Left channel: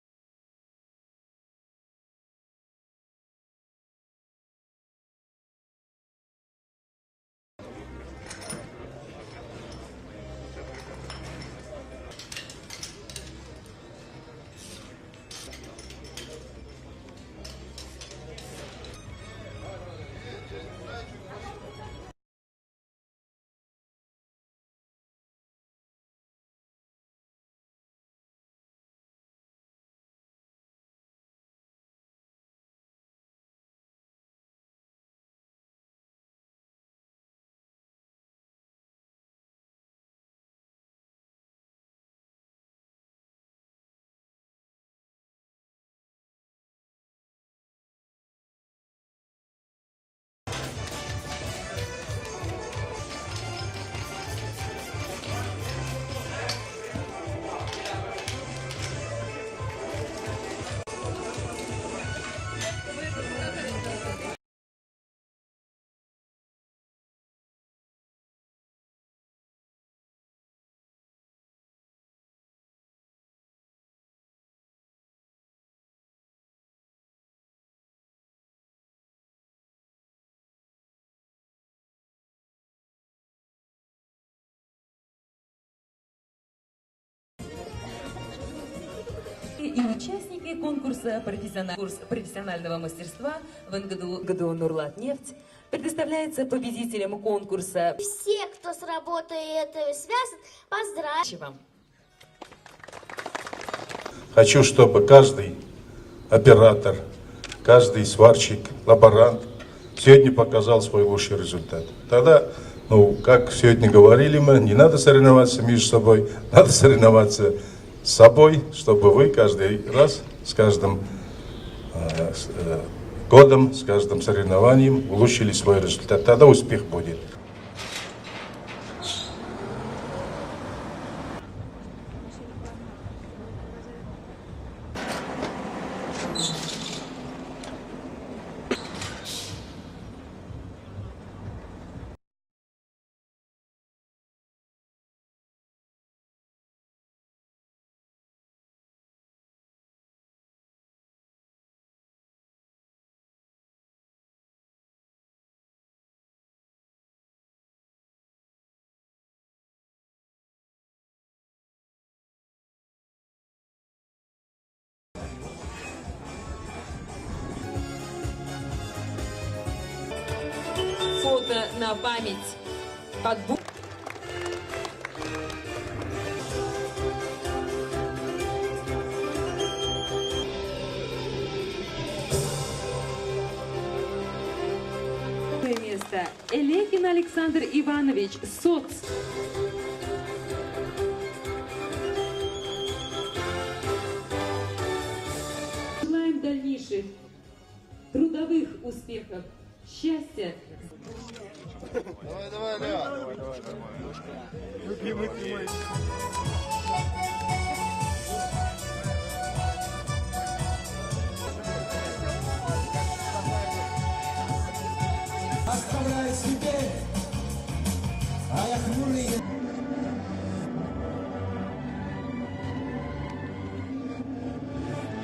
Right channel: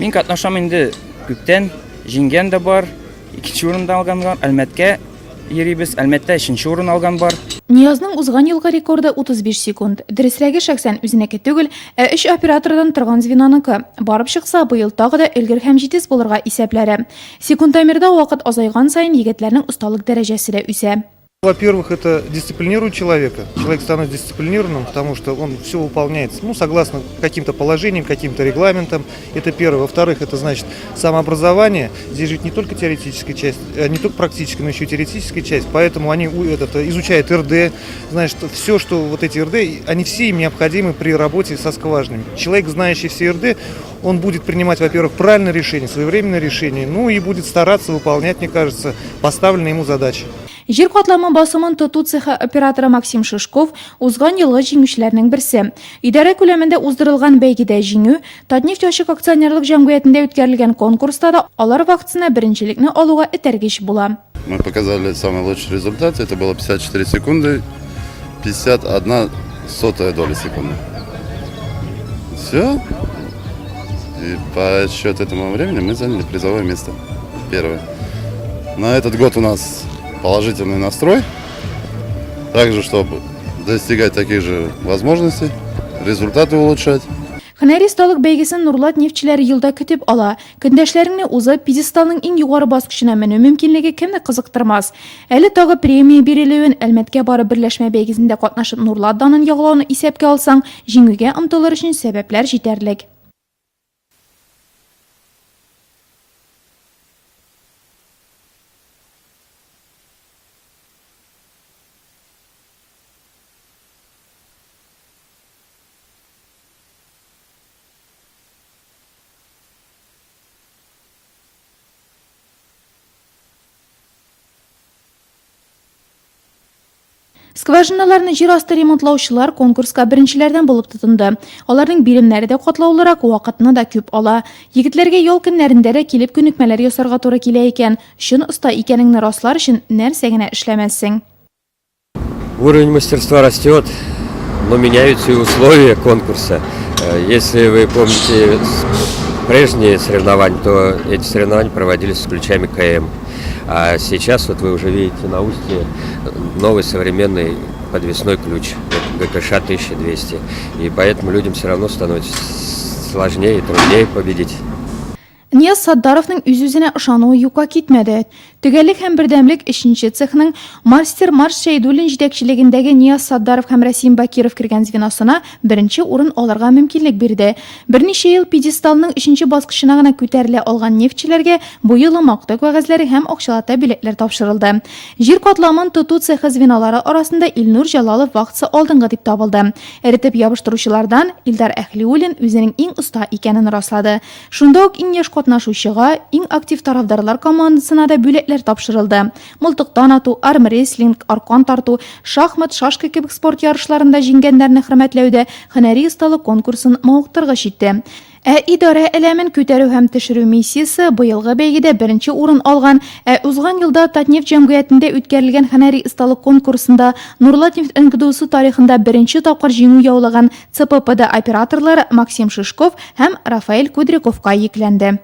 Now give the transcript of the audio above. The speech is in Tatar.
Мин катнашам инде күптән, җиңгән дә бар, икенче урында алган бар, Әлмәткә йөрибез, Әлмәттә 3нче урын алган бар. Ниязның узган елгы рекорды 35 секунд. Дөресрәге шәхсән үзенеке түгел, ә 3 оператордан торган звеноныкы. Барып чыкса, быел тагы да өлгер һәм җитез булырга исәпләре. Секундомерда вакыт азайган сайын егетләрнең осталык дәрәҗәсе дә үсә. Во-первых, это дисциплинирует человека. Человек становится дисциплинированным, потому что он все выполняет, согласно каким-то положениям, каким-то регламентам. Это первое. Во-вторых, это значит самообразование. Здесь же не только теоретическая часть, не только практическая, но еще и теоретическая часть. Поэтому они изучают РД. Значит, все, что вот эти РД, они все им необходимы при работе со скважинами. Человек, знающий все РД, он будет принимать, во-первых, правильное решение, своевременное решение, ну и будет стараться выполнять, мне кажется, поставленные ему задачи. Жер катламы басымын тоту цехы операторы Максим Шишков узган елгы җиңүчеләрнең берсе. Идарә күләмендә уздырылган бәйгедә җиңү, Татнефть ачык акционерлык җәмгыятендә үткәрелгән конкурста да алар вакытсына беренчелекне алуга этәргеч була. Мы показали самый лучший результат, это было 54 секунды, 51 сотая доля секунды. Все. И по счету этому времени мы заняли призовое место. Первое. На этот год у нас положительный настрой. Также, чтобы достигать таких же возможностей, результаты улучшать. Һөнәри сталык бәйгесен Нурлат нефтчеләре елда көтеп ала. Көндәшләренә узып, пьедесталның иң югары баскычына менү мөмкинлеге кемне кызыктырмас. Әле тагы премия бирелүен, Әлмәткә барып берләшмә бәйгесендә катнашып Нурлат данын яглауны исәпкә алсаң, җиңүгә омтылыр өчен сәбәпләр җитәрлек. Хочу, чтобы каждый оператор, каждый сварщик, лаборант сегодня показал свой лучший результат. Тогда, как сегодня говорили мы, не надо соревноваться между собой, надо соревноваться с собой, чтобы вы каждый раз, с каждым годом, с каждым соревнованием улучшили свой результат. Тогда успех будет. Скважиналарны җир асты ремонтлаучылар конкурска беренчеләрдән булып тотынды. Аларның биремнәре дә катлаулырак, вакытны да күп ала. Егетләргә ял көннәрендә дә килеп күнекмәләр ясарга туры килә икән. Шун оста икәнеңне раслар өчен нәрсә генә эшләмәссең. Уровень мастерства растет, но меняются и условия конкурса. Если вы помните прежние соревнования, то эти соревнования проводились с ключами КМ. А сейчас вот вы уже видите на устье новый современный подвесной ключ ГКШ 1200. И поэтому людям все равно становится сложнее и труднее победить. Нияз Саддаровның үз-үзенә ышануы юкка китмәде. Төгәллек һәм бердәмлек 3нче цехның мастер Марш Шәйдуллин җитәкчелегендәге Нияз Саддаров һәм Рәсим Бакиров кергән звеносына беренче урын алырга мөмкинлек бирде. Берничә ел пьедесталның 3нче баскычына гына күтәрелә алган нефтчеләргә бу елы мактау кәгазьләре һәм акчалата билетлар тапшырылды. Җир катламын тоту цехы звенолары арасында Илнур Җалалов вакытсы алдынгы дип табылды. Эретеп ябыштыручылардан Илдар Әхлиуллин үзенең иң оста икәнен раслады. Шунда ук иң яшь катнашучыга, иң актив тарафдарлар командасына да бүләк тапшырылды. Мылтыктан ату, армрестлинг, аркан тарту, шахмат, шашка кебек спорт ярышларында җиңгәннәрне хөрмәтләүдә һөнәри осталык конкурсын мавыктыргыч итте. Идарә элемін көтәрү һәм төшерү миссиясе быелгы бәйгедә беренче урын алган, узган елда Татнефть җәмгыятендә үткәрелгән һөнәри осталык конкурсында Нурлат нефть НКДУсы тарихында беренче тапкыр җиңү яулаган ЦППД операторлары Максим Шишков һәм Рафаэль Кудряковка йөкләнде.